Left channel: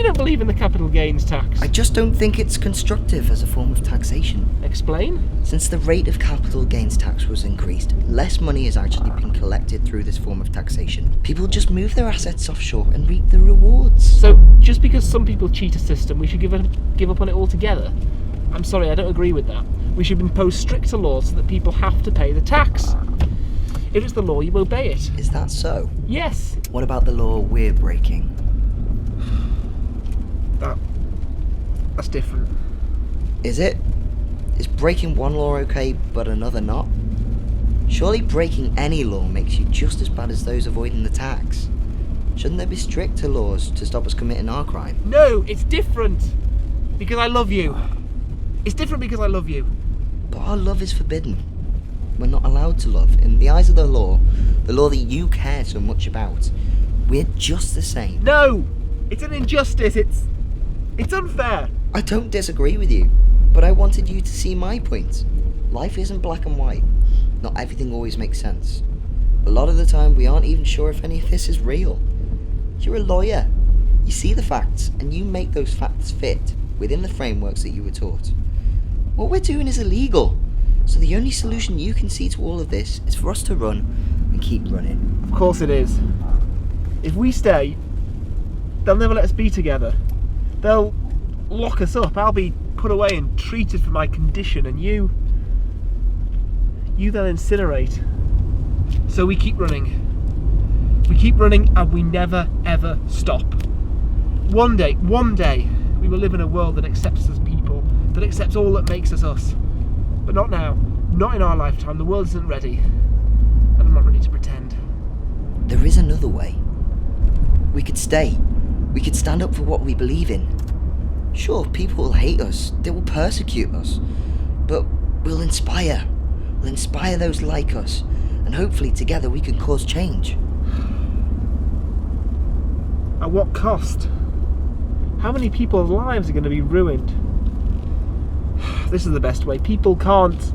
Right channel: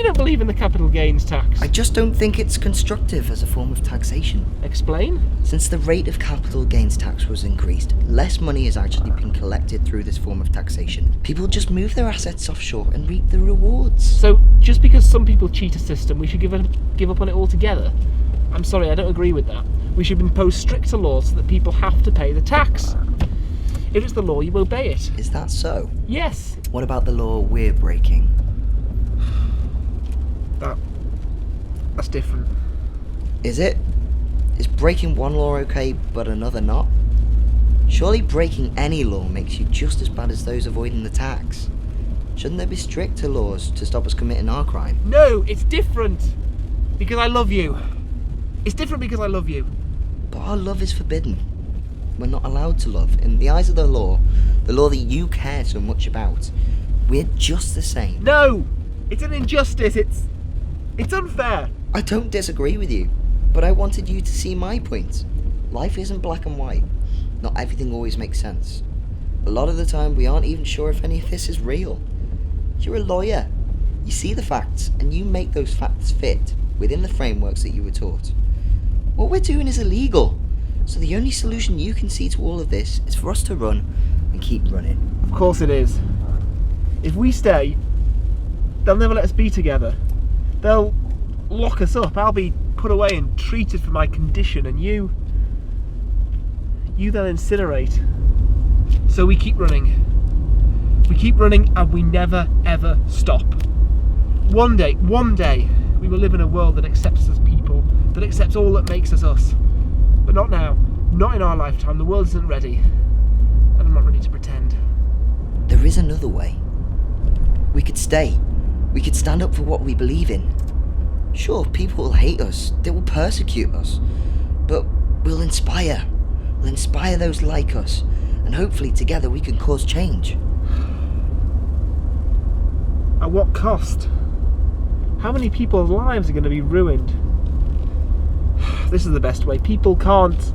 you don't believe in the capital gains tax? I just don't think it's constructive as a form of taxation. Explain? Since the rate of capital gains tax was increased, less money has actually been collected through this form of taxation. People just move their assets offshore and reap the rewards. So, just because some people cheat a system, we should give up on it altogether? I'm sorry, I don't agree with that. We should impose stricter laws so that people have to pay the tax. If it's the law, you obey it. Is that so? Yes. What about the law we're breaking? That's different. Is it? Is breaking one law okay, but another not? Surely breaking any law makes you just as bad as those avoiding the tax. Shouldn't there be stricter laws to stop us committing our crime? No, it's different. Because I love you. It's different because I love you. But our love is forbidden. We're not allowed to love. In the eyes of the law that you care so much about, we're just the same. No! It's an injustice. It's unfair. I don't disagree with you, but I wanted you to see my point. Life isn't black and white. Not everything always makes sense. A lot of the time, we aren't even sure if any of this is real. You're a lawyer. You see the facts, and you make those facts fit within the frameworks that you were taught. What we're doing is illegal, so the only solution you can see to all of this is for us to run and keep running. Of course it is. If we stay, they'll never let us be together. They'll lock us up. I'll be put away and treated for my condition, and you they'll incinerate. So we keep running. We keep running, and we never ever stop. One day, we will live in a world that accepts us as people, that accepts all that makes us us. But not now. Not in our lifetime. The world isn't ready. And I'm not ready to pretend. There is another way. We could stay. We could stand up for what we believe in. Sure, people will hate us. They will persecute us. But we'll inspire. We'll inspire those like us. And hopefully together we can cause change. At what cost? How many people's lives are going to be ruined? This is the best way. People can't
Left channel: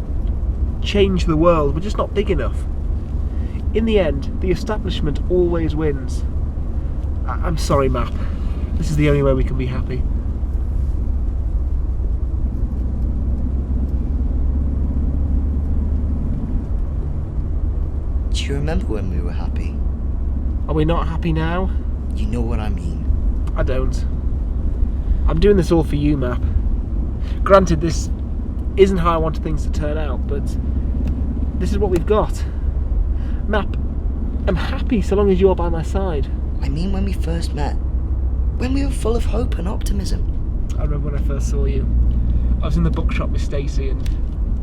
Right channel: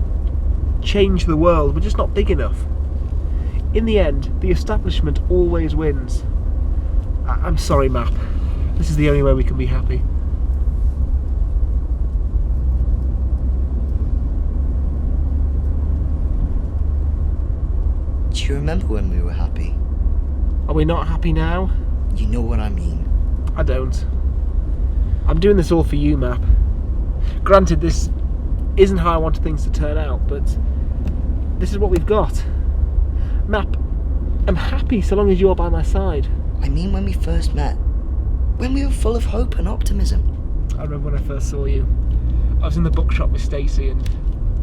change the world. We're just not big enough. In the end, the establishment always wins. I'm sorry, Map. This is the only way we can be happy. Do you remember when we were happy? Are we not happy now? You know what I mean. I don't. I'm doing this all for you, Map. Granted, this isn't how I wanted things to turn out, but this is what we've got. Map, I'm happy so long as you're by my side. I mean when we first met. When we were full of hope and optimism. I remember when I first saw you. I was in the bookshop with Stacey, and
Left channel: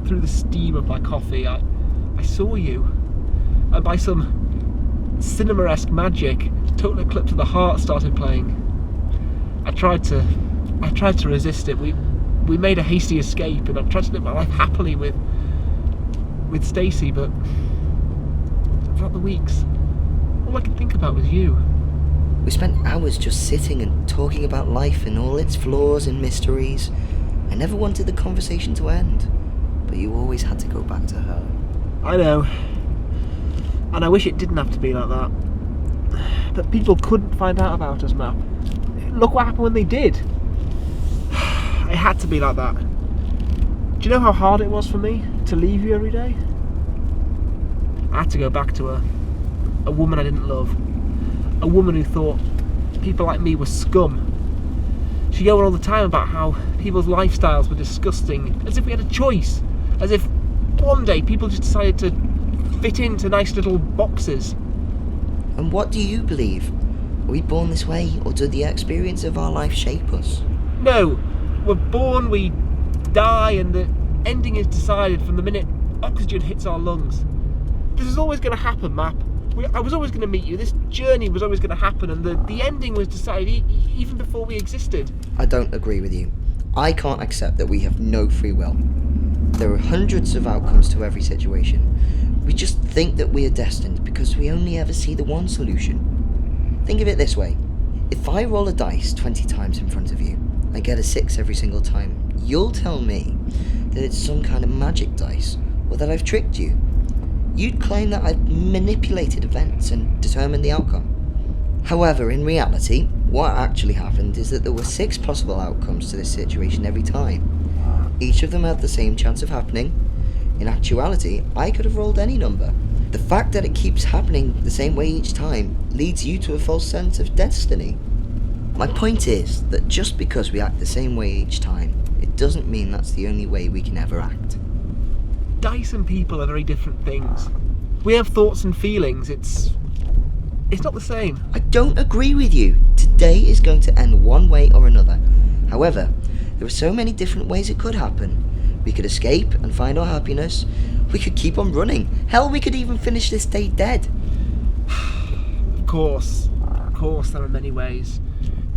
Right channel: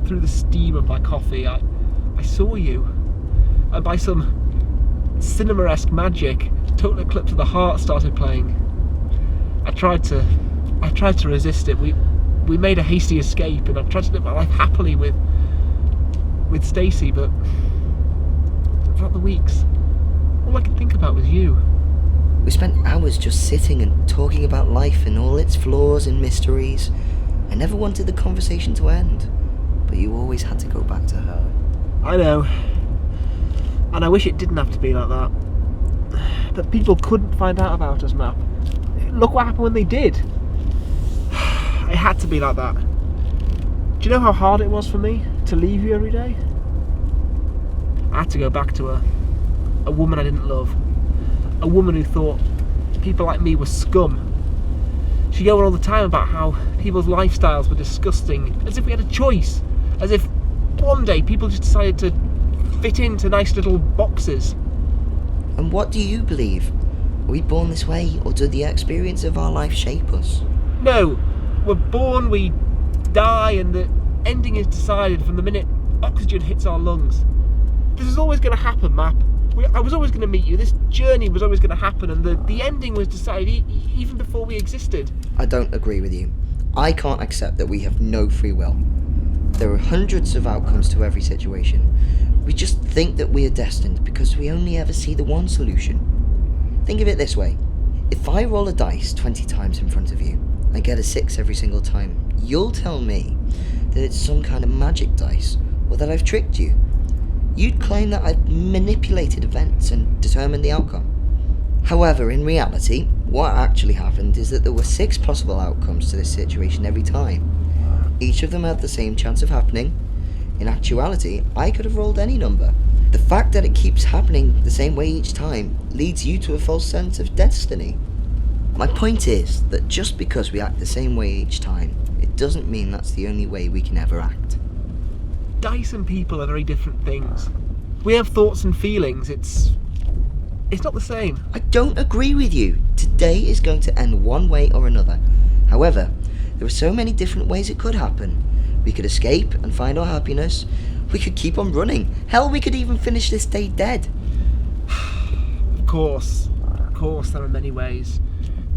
through the steam of my coffee, I saw you. And by some cinema-esque magic, Total Eclipse of the Heart started playing. I tried to resist it. We made a hasty escape, and I've tried to live my life happily with Stacey, but throughout the weeks, all I could think about was you. We spent hours just sitting and talking about life and all its flaws and mysteries. I never wanted the conversation to end, but you always had to go back to her. I know. And I wish it didn't have to be like that. But people couldn't find out about us, Map. Look what happened when they did. It had to be like that. Do you know how hard it was for me to leave you every day? I had to go back to her. A woman I didn't love. A woman who thought people like me were scum. She'd go on all the time about how people's lifestyles were disgusting, as if we had a choice. As if one day people just decided to fit into nice little boxes. And what do you believe? Are we born this way, or do the experience of our life shape us? No, we're born, we die, and the ending is decided from the minute oxygen hits our lungs. This is always going to happen, Map. I was always going to meet you. This journey was always going to happen, and the ending was decided even before we existed. I don't agree with you. I can't accept that we have no free will. There are hundreds of outcomes to every situation. We just think that we are destined because we only ever see the one solution. Think of it this way. If I roll a dice 20 times in front of you, and get a 6 every single time, you'll tell me that it's some kind of magic dice, or that I've tricked you. You'd claim that I've manipulated events and determined the outcome. However, in reality, What actually happened is that there were 6 possible outcomes to this situation every time. Each of them had the same chance of happening. In actuality, I could have rolled any number. The fact that it keeps happening the same way each time leads you to a false sense of destiny. My point is that just because we act the same way each time, it doesn't mean that's the only way we can ever act. Dice and people are very different things. We have thoughts and feelings. It's not the same. I don't agree with you. Today is going to end one way or another. However, there are so many different ways it could happen. We could escape and find our happiness. We could keep on running. Hell, we could even finish this day dead. Of course, there are many ways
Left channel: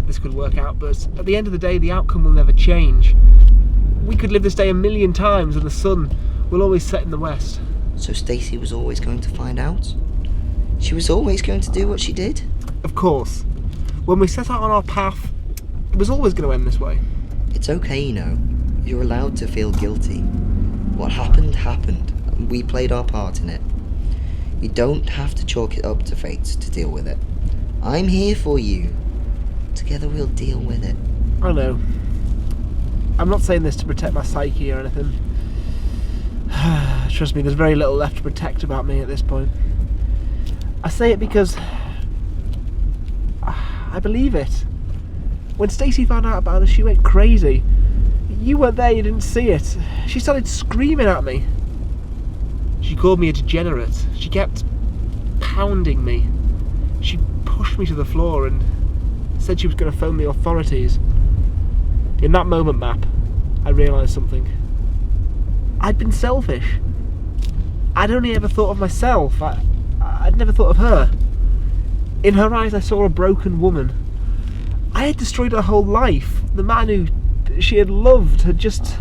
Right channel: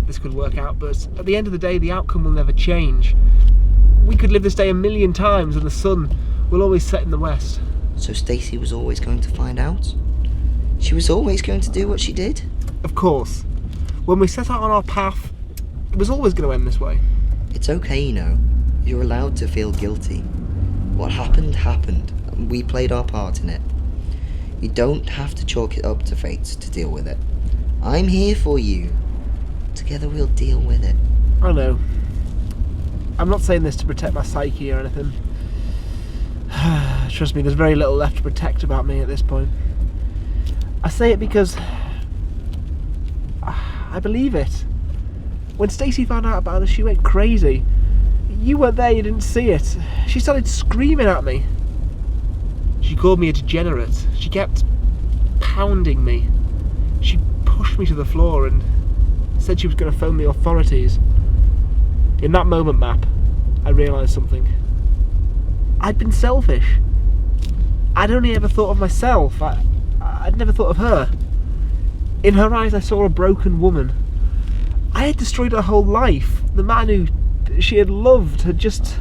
this could work out, but at the end of the day, the outcome will never change. We could live this day 1,000,000 times and the sun will always set in the west. So Stacy was always going to find out? She was always going to do what she did? Of course. When we set out on our path, it was always going to end this way. It's okay, you know. You're allowed to feel guilty. What happened, happened, and we played our part in it. You don't have to chalk it up to fate to deal with it. I'm here for you. Together we'll deal with it. I know. I'm not saying this to protect my psyche or anything. Trust me, there's very little left to protect about me at this point. I say it because I believe it. When Stacey found out about us, she went crazy. You weren't there, you didn't see it. She started screaming at me. She called me a degenerate. She kept pounding me. She pushed me to the floor and said she was going to phone the authorities. In that moment, Map, I realised something. I'd been selfish. I'd only ever thought of myself. I'd never thought of her. In her eyes, I saw a broken woman. I had destroyed her whole life. The man who she had loved had just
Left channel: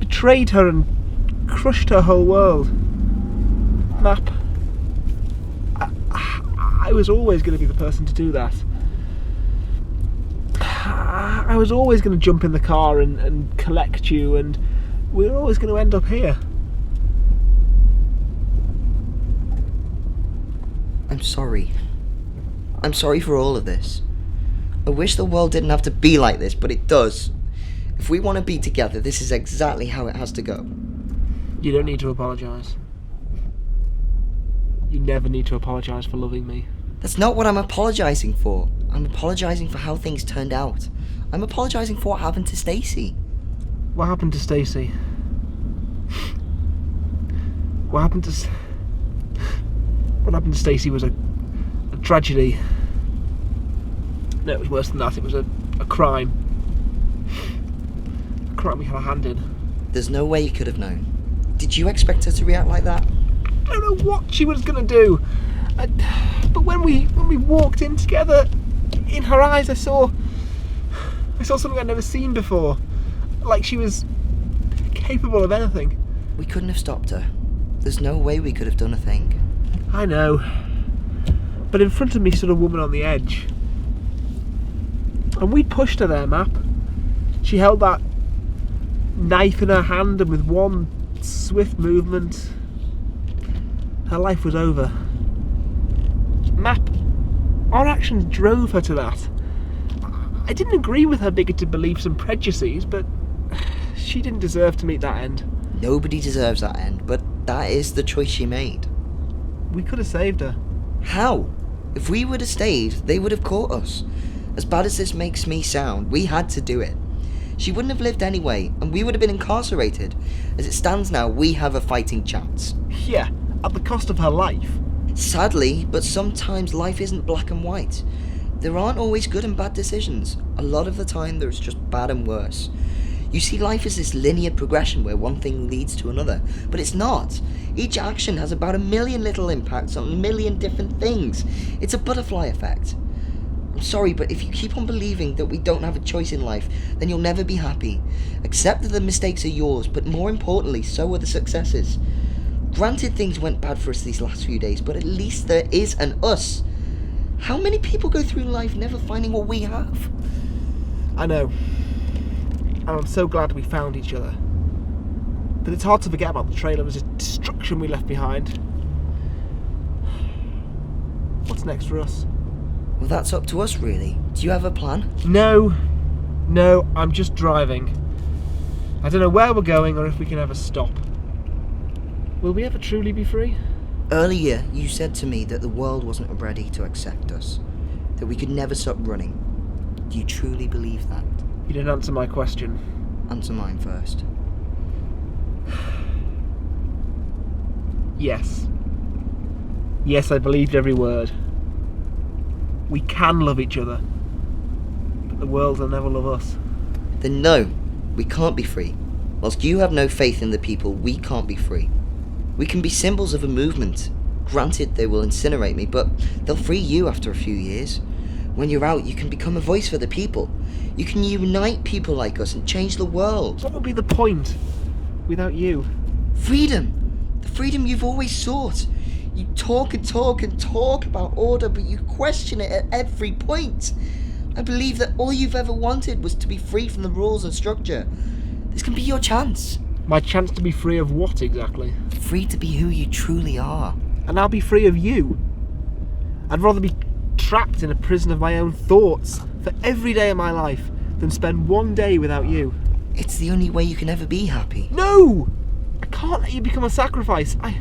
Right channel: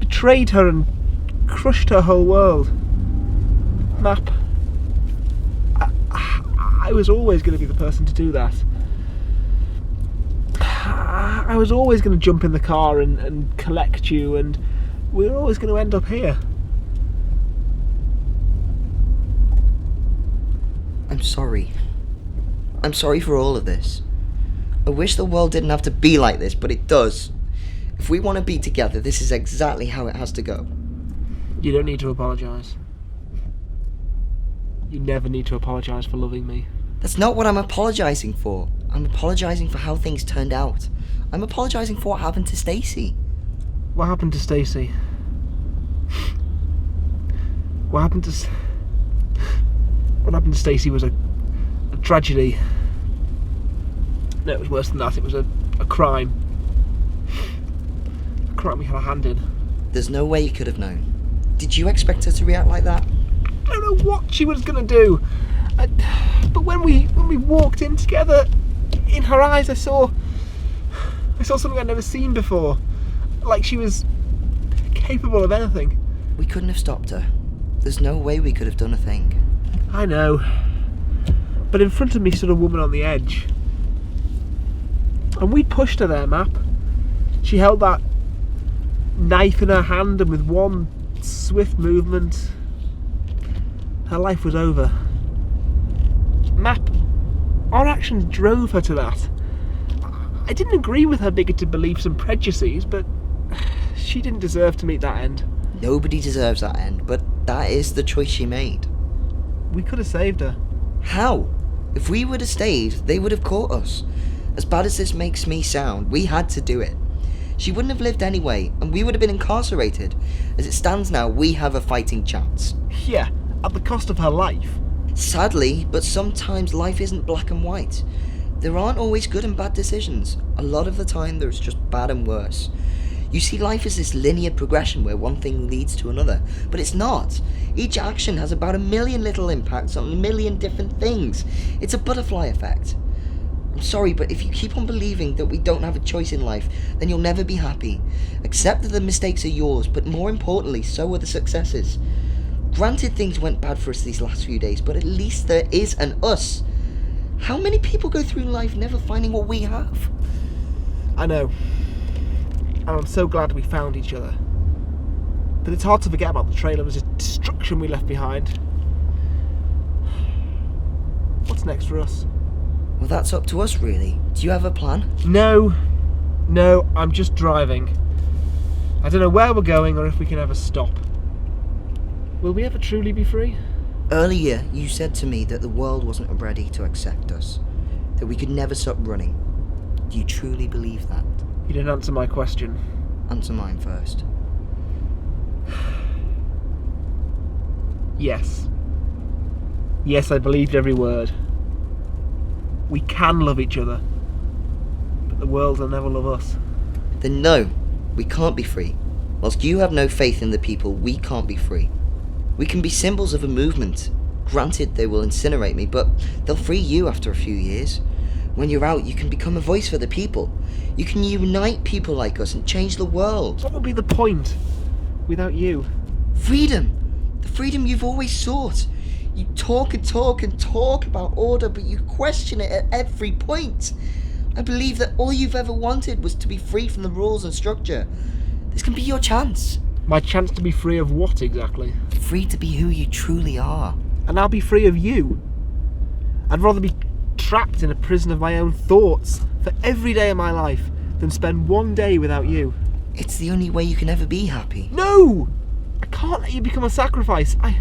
betrayed her and crushed her whole world. Map, I was always going to be the person to do that. I was always going to jump in the car and collect you, and we were always going to end up here. I'm sorry. I'm sorry for all of this. I wish the world didn't have to be like this, but it does. If we want to be together, this is exactly how it has to go. You don't need to apologise. You never need to apologise for loving me. That's not what I'm apologising for. I'm apologising for how things turned out. I'm apologising for what happened to Stacy. What happened to Stacy? What happened to Stacy was a tragedy. No, it was worse than that. It was a crime. A crime we had a hand in. There's no way you could have known. Did you expect her to react like that? I don't know what she was going to do. But when we walked in together, in her eyes I saw something I'd never seen before. Like she was capable of anything. We couldn't have stopped her. There's no way we could have done a thing. I know. But in front of me stood a woman on the edge. And we'd pushed her there, Map. She held that knife in her hand, and with one swift movement, her life was over. Map, our actions drove her to that. I didn't agree with her bigoted beliefs and prejudices, but she didn't deserve to meet that end. Nobody deserves that end, but that is the choice she made. We could have saved her. How? If we would have stayed, they would have caught us. As bad as this makes me sound, we had to do it. She wouldn't have lived anyway, and we would have been incarcerated. As it stands now, we have a fighting chance. Yeah, at the cost of her life. Sadly, but sometimes life isn't black and white. There aren't always good and bad decisions. A lot of the time there's just bad and worse. You see life as this linear progression where one thing leads to another, but it's not. Each action has about 1,000,000 little impacts on 1,000,000 different things. It's a butterfly effect. I'm sorry, but if you keep on believing that we don't have a choice in life, then you'll never be happy. Accept that the mistakes are yours, but more importantly, so are the successes. Granted, things went bad for us these last few days, but at least there is an us. How many people go through life never finding what we have? I know. And I'm so glad we found each other. But it's hard to forget about the trail of destruction we left behind. What's next for us? Well, that's up to us, really. Do you have a plan? No, I'm just driving. I don't know where we're going or if we can ever stop. Will we ever truly be free? Earlier, you said to me that the world wasn't ready to accept us, that we could never stop running. Do you truly believe that? You didn't answer my question. Answer mine first. Yes. Yes, I believed every word. We can love each other, but the world will never love us. Then no, we can't be free. Whilst you have no faith in the people, we can't be free. We can be symbols of a movement. Granted, they will incinerate me, but they'll free you after a few years. When you're out, you can become a voice for the people. You can unite people like us and change the world. What would be the point without you? Freedom! The freedom you've always sought. You talk and talk and talk about order, but you question it at every point. I believe that all you've ever wanted was to be free from the rules and structure. This can be your chance. My chance to be free of what exactly? Free to be who you truly are. And I'll be free of you. I'd rather be trapped in a prison of my own thoughts for every day of my life than spend one day without you. It's the only way you can ever be happy. No! I can't let you become a sacrifice. I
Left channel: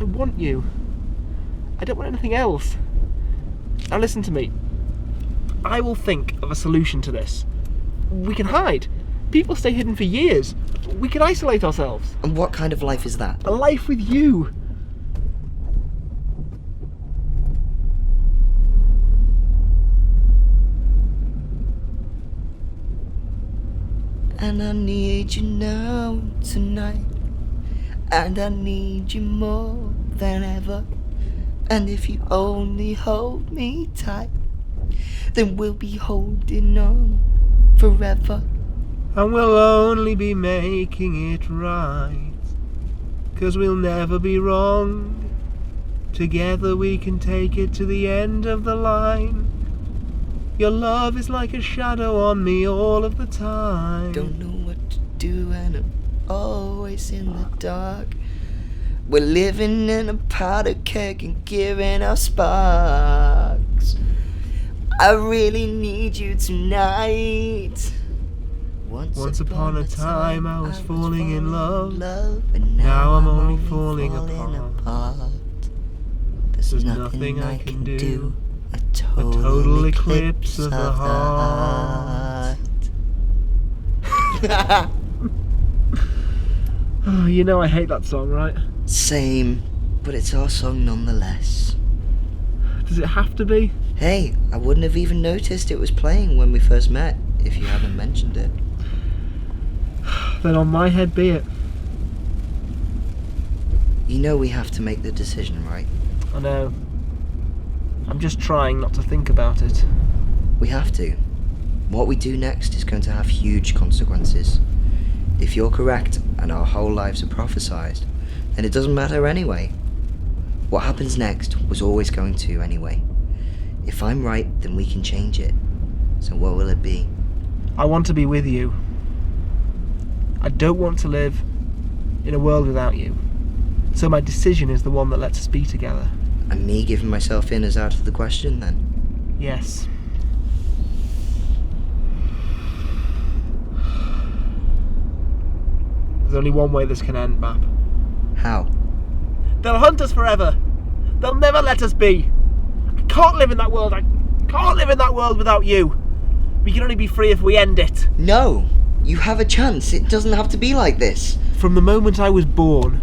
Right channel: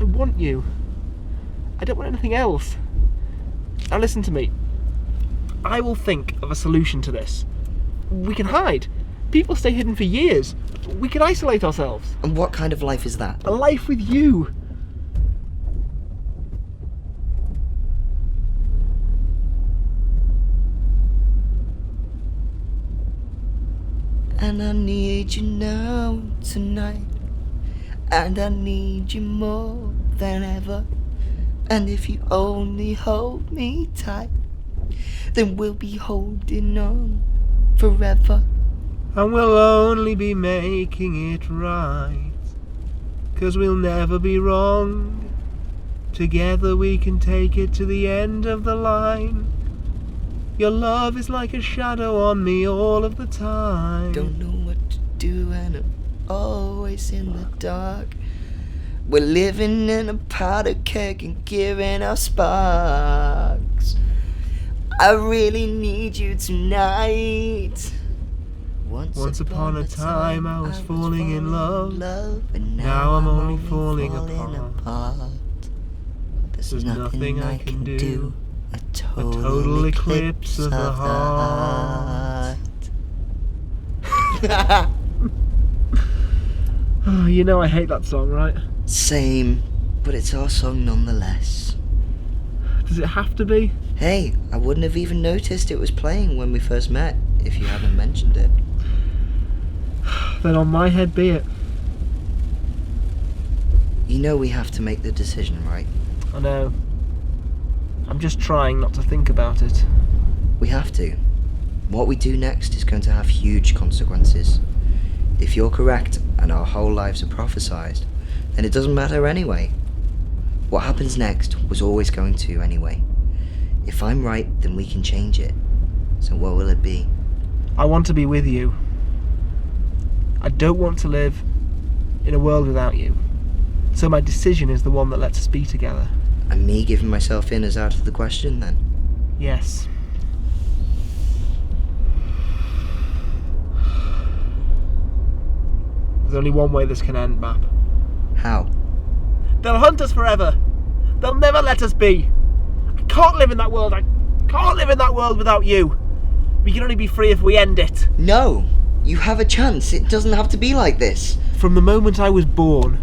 want you. I don't want anything else. Now listen to me. I will think of a solution to this. We can hide. People stay hidden for years. We can isolate ourselves. And what kind of life is that? A life with you. And I need you now, tonight. And I need you more than ever. And if you only hold me tight, then we'll be holding on forever. And we'll only be making it right, 'cause we'll never be wrong. Together we can take it to the end of the line. Your love is like a shadow on me all of the time. Don't know what to do and I'm always in the dark. We're living in a powder keg and giving our sparks. I really need you tonight. Once upon a time I was falling in love, and now I'm only falling apart. There's nothing I can do. A total eclipse of the heart. Oh, you know I hate that song, right? Same, but it's our song nonetheless. Does it have to be? Hey, I wouldn't have even noticed it was playing when we first met if you hadn't mentioned it. Then on my head be it. You know we have to make the decision, right? I know. I'm just trying not to think about it. We have to. What we do next is going to have huge consequences. If you're correct and our whole lives are prophesized, then it doesn't matter anyway. What happens next was always going to anyway. If I'm right, then we can change it. So what will it be? I want to be with you. I don't want to live in a world without you. So my decision is the one that lets us be together. And me giving myself in is out of the question then? Yes. There's only one way this can end, Map. How? They'll hunt us forever. They'll never let us be. I can't live in that world. I can't live in that world without you. We can only be free if we end it. No! You have a chance. It doesn't have to be like this. From the moment I was born,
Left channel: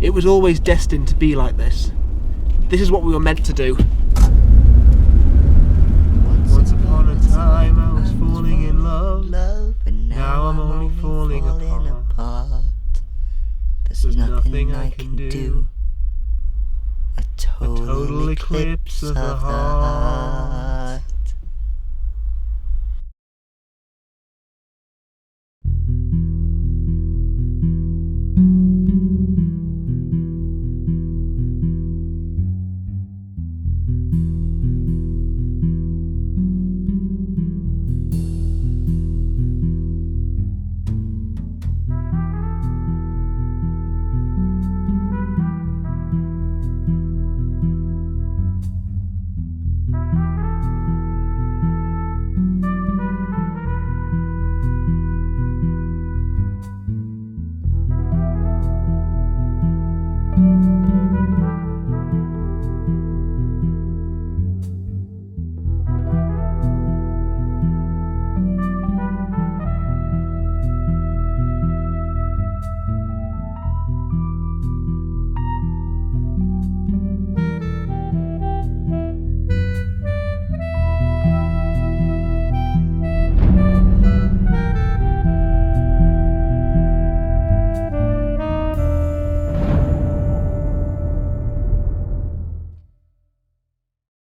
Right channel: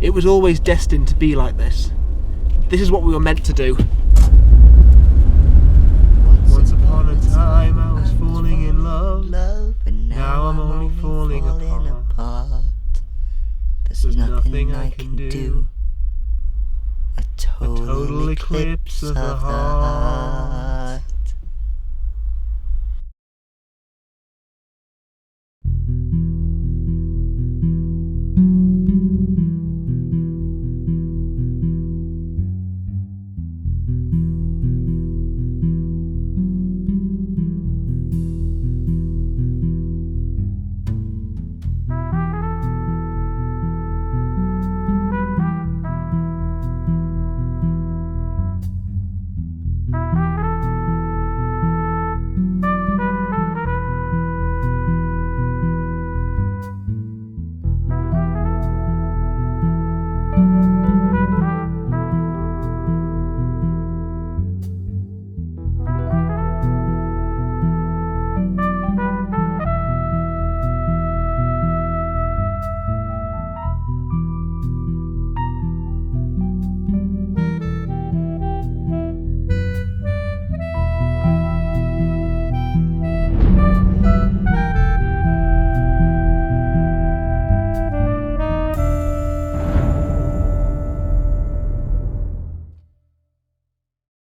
it was always destined to be like this. This is what we were meant to do. Once upon a time I was falling in love, and now I'm only falling apart. There's nothing I can do. A total eclipse of the heart.